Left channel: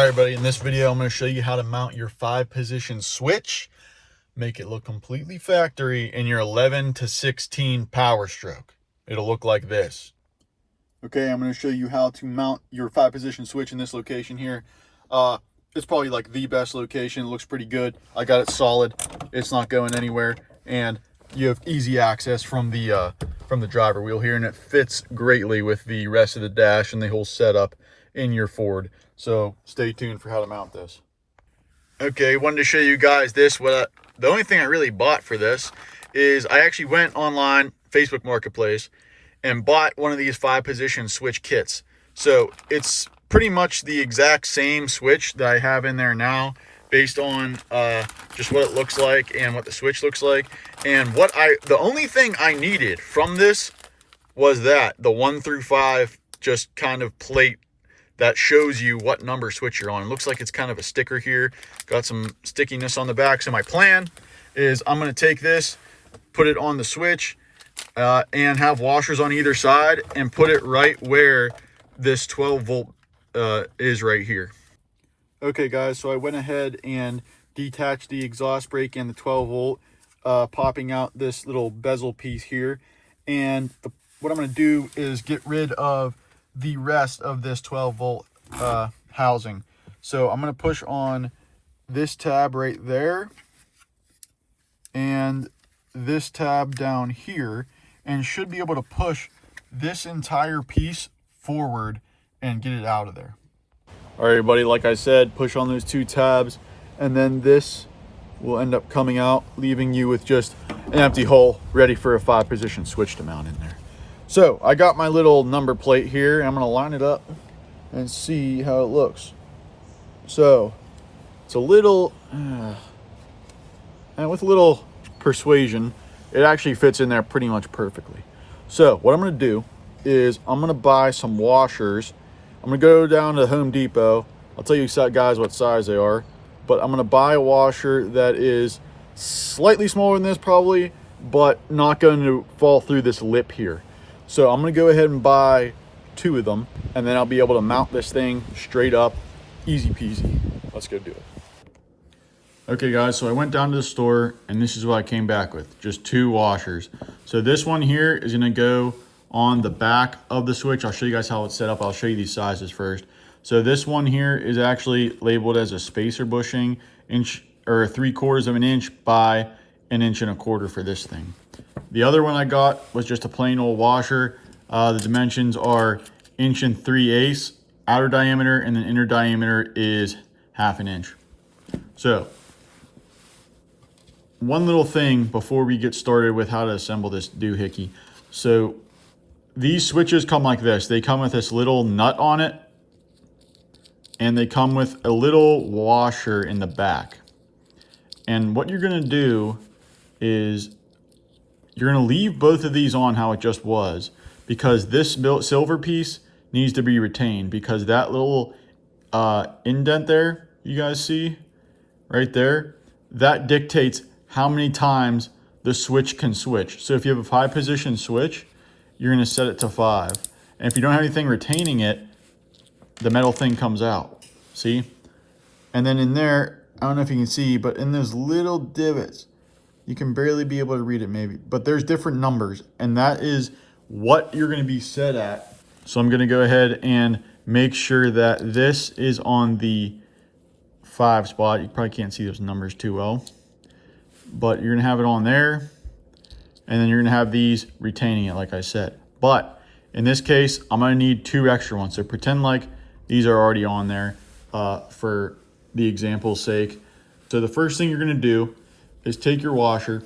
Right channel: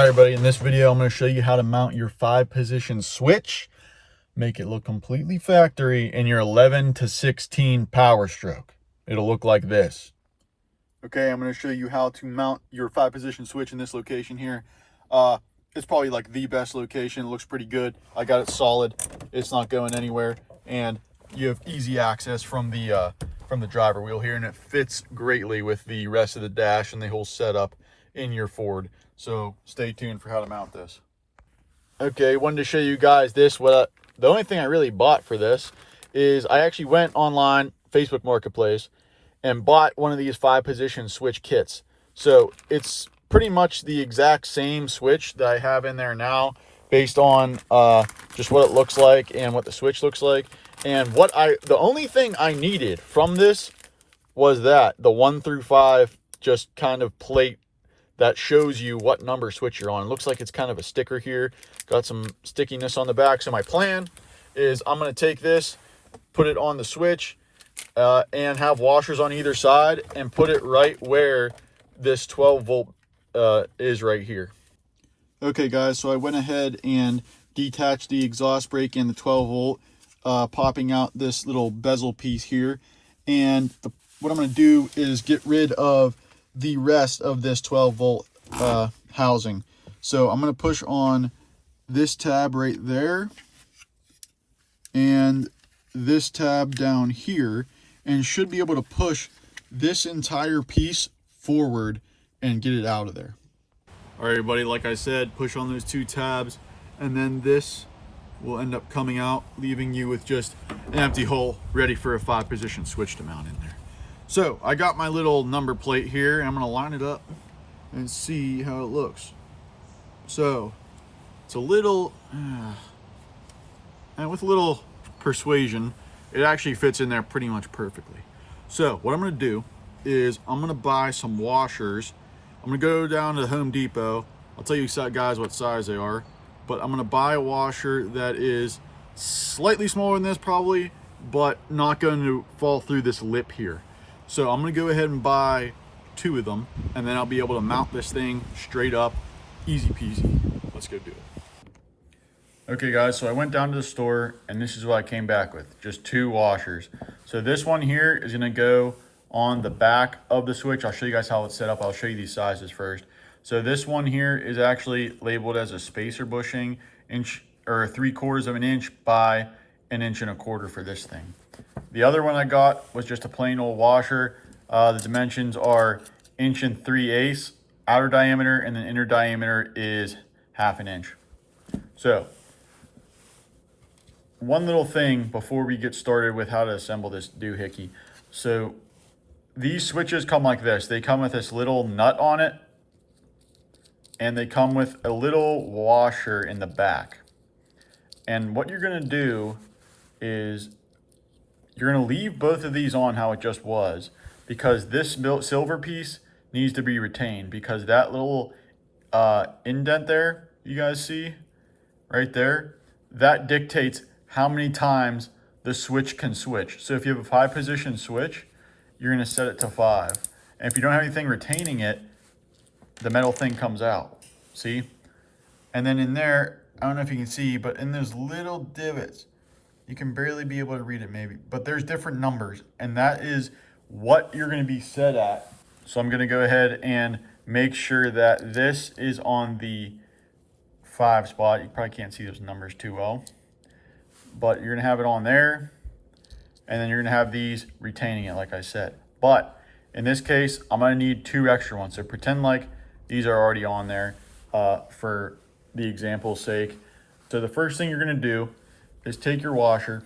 All right, everybody, in this video, I'm going to show you how to mount your 5-position switch, make it look completely factory in your 11 to 16 Powerstroke. It'll look like this. Okay, I'm going to show you how to mount your 5-position switch in this location here. It's probably like the best location. It looks pretty good. I got it solid. It's not going anywhere, and you have easy access from the driver wheel here, and it fits greatly with the rest of the dash and the whole setup in your Ford. So stay tuned for how to mount this. Okay, wanted to show you guys this. The only thing I really bought for this is I actually went online, Facebook Marketplace, and bought one of these 5-position switch kits. So it's pretty much the exact same switch that I have in there now, based on just what it looks like and what the switch looks like. And the only thing I needed from this was the 1 through 5 just kind of plate that shows you what number switch you're on. It looks like it's kind of a sticker here. Got some stickiness on the back. So my plan is I'm going to take this, put it on the switch, and have washers on either side, and put it right where this 12 volt is right here. Okay, guys, so I went ahead and detached the exhaust brake and the 12 volt, popping out this little bezel piece here. And what I'm going to do is get rid of the rest of this 12 volt housing. So I'm going to push on this tab right there and this tab down here, and should be able to push this entire piece forward and get it out of there. All right, everybody, like I said, push on those 2 tabs, and then this will end up coming out, leaving you with just an empty hole ready for a 5-position switch to mount in there. So I got my little number plate here, and I'm going to line it up and see how it looks. So it's a little, and with a little persuasion, it actually fits in there pretty much perfectly. So what I'm going to do is I'm going to buy some washers. I'm going to go down to Home Depot. I'll tell you guys what size they are, but I'm going to buy a washer that is slightly smaller than this probably, but not going to fall through this lip here. So I'm going to go ahead and buy 2 of them, and then I'll be able to mount this thing straight up, easy peasy. Let's go do it. Okay, guys, so I went down to the store, and this is what I came back with, just 2 washers. So this one here is going to go on the back of the switch. I'll show you guys how it's set up. I'll show you these sizes first. So this one here is actually labeled as a spacer bushing, inch or 3/4 of an inch by 1 1/4 inches for this thing. The other one I got was just a plain old washer. The dimensions are 1 3/8 inches outer diameter, and then inner diameter is 1/2 inch. So one little thing before we get started with how to assemble this doohickey. So these switches come like this. They come with this little nut on it, and they come with a little washer in the back. And what you're going to do is you're going to leave both of these on how it just was, because this silver piece needs to be retained, because that little indent there you guys see right there, that dictates how many times the switch can switch. So if you have a 5-position switch, you're going to set it to 5. And if you don't have anything retaining it, the metal thing comes out. See? And then in there, I don't know if you can see, but in those little divots, you can barely be able to read it maybe, but there's different numbers, and that is what you're going to be set at. So I'm going to go ahead and make sure that this is on the 5 spot. You probably can't see those numbers too well, but you're going to have it on there, and then you're going to have these retaining it like I said. But in this case, I'm going to need 2 extra ones. So pretend like these are already on there for the example's sake. So the first thing you're going to do is take your washer,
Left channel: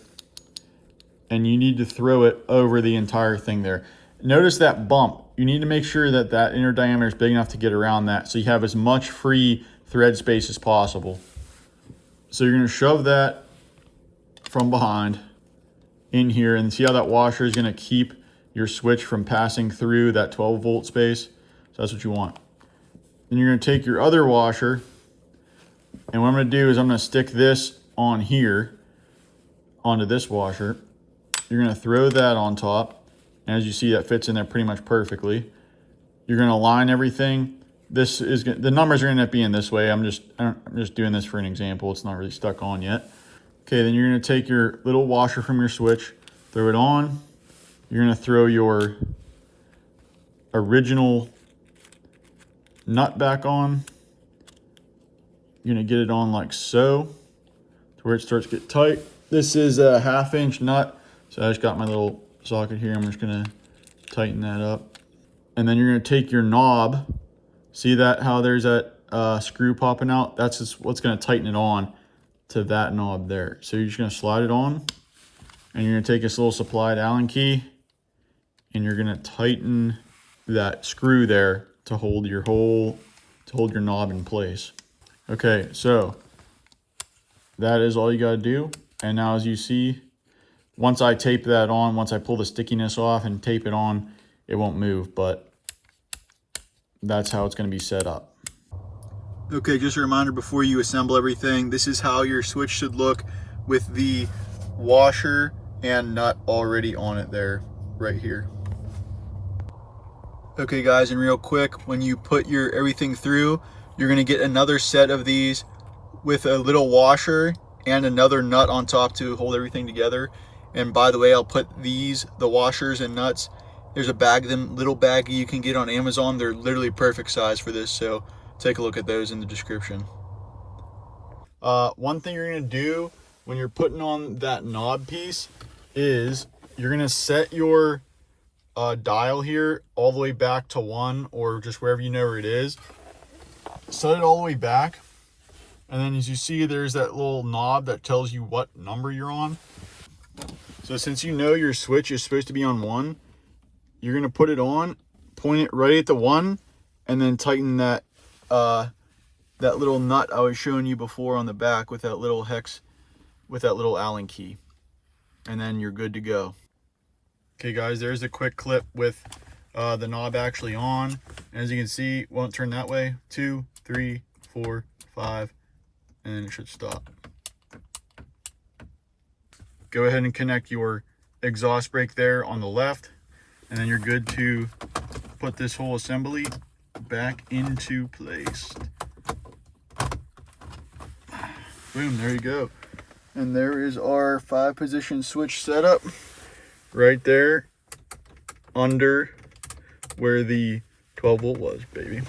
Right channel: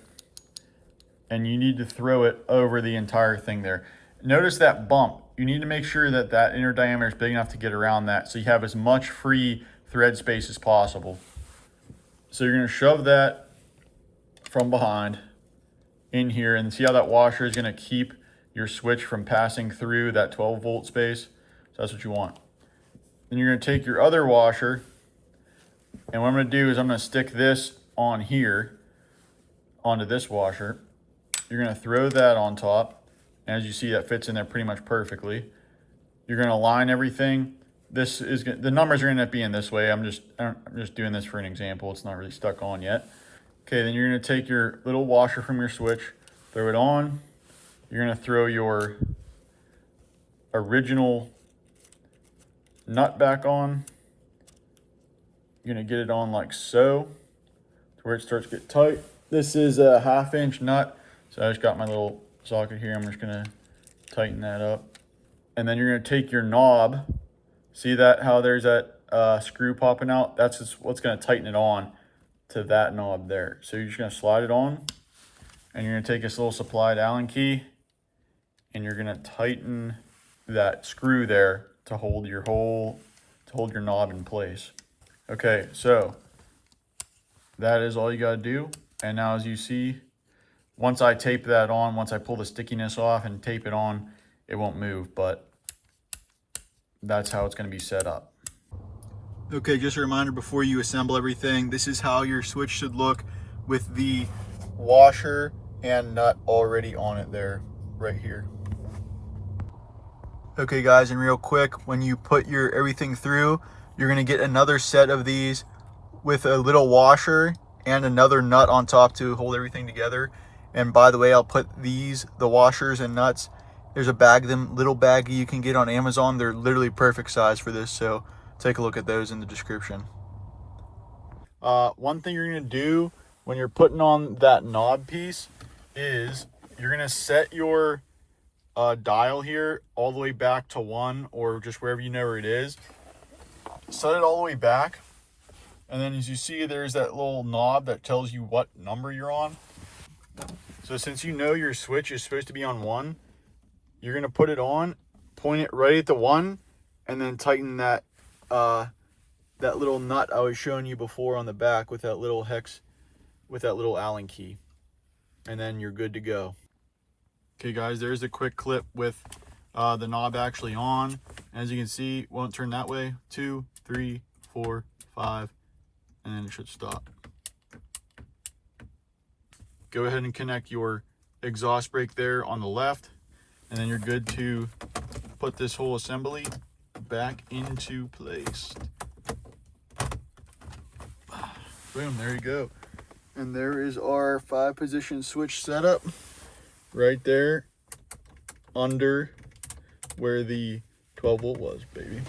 and you need to throw it over the entire thing there. Notice that bump. You need to make sure that that inner diameter is big enough to get around that, so you have as much free thread space as possible. So you're going to shove that from behind in here, and see how that washer is going to keep your switch from passing through that 12 volt space. So that's what you want. Then you're going to take your other washer, and what I'm going to do is I'm going to stick this on here onto this washer. You're going to throw that on top. As you see, that fits in there pretty much perfectly. You're going to line everything this is the numbers are going to end up being this way. I'm just doing this for an example. It's not really stuck on yet. Okay, then you're going to take your little washer from your switch, throw it on. You're going to throw your original nut back on. You're going to get it on like so, to where it starts to get tight. This is a 1/2 inch nut, so I just got my little socket here. I'm just going to tighten that up. And then you're going to take your knob. See that, how there's that screw popping out? That's just what's going to tighten it on to that knob there. So you're just going to slide it on, and you're going to take this little supplied Allen key, and you're going to tighten that screw there to hold your knob in place. Okay, so that is all you got to do. And now, as you see, once I tape that on, once I pull the stickiness off and tape it on, it won't move, but that's how it's going to be set up. Okay, just a reminder before you assemble everything, this is how your switch should look with the washer and nut already on it there, right here. Okay guys, and real quick, when you put your everything through, you're going to get another set of these with a little washer and another nut on top to hold everything together. And by the way, I'll put the washers and nuts, there's a bag, little baggie you can get on Amazon. They're literally perfect size for this, so take a look at those in the description. One thing you're going to do when you're putting on that knob piece is you're going to set your dial here all the way back to 1, or just wherever you know where it is. Set it all the way back, and then as you see, there's that little knob that tells you what number you're on. So since you know your switch is supposed to be on 1, you're going to put it on, point it right at the 1, and then tighten that that little nut I was showing you before on the back with that little hex, with that little Allen key, and then you're good to go. Okay guys, there's a quick clip with the knob actually on. And as you can see, it won't turn that way. 2, 3, 4, 5, and then it should stop. Go ahead and connect your exhaust brake there on the left, and then you're good to put this whole assembly back into place. Boom, there you go. And there is our 5-position switch setup right there under where the 12 volt was, baby.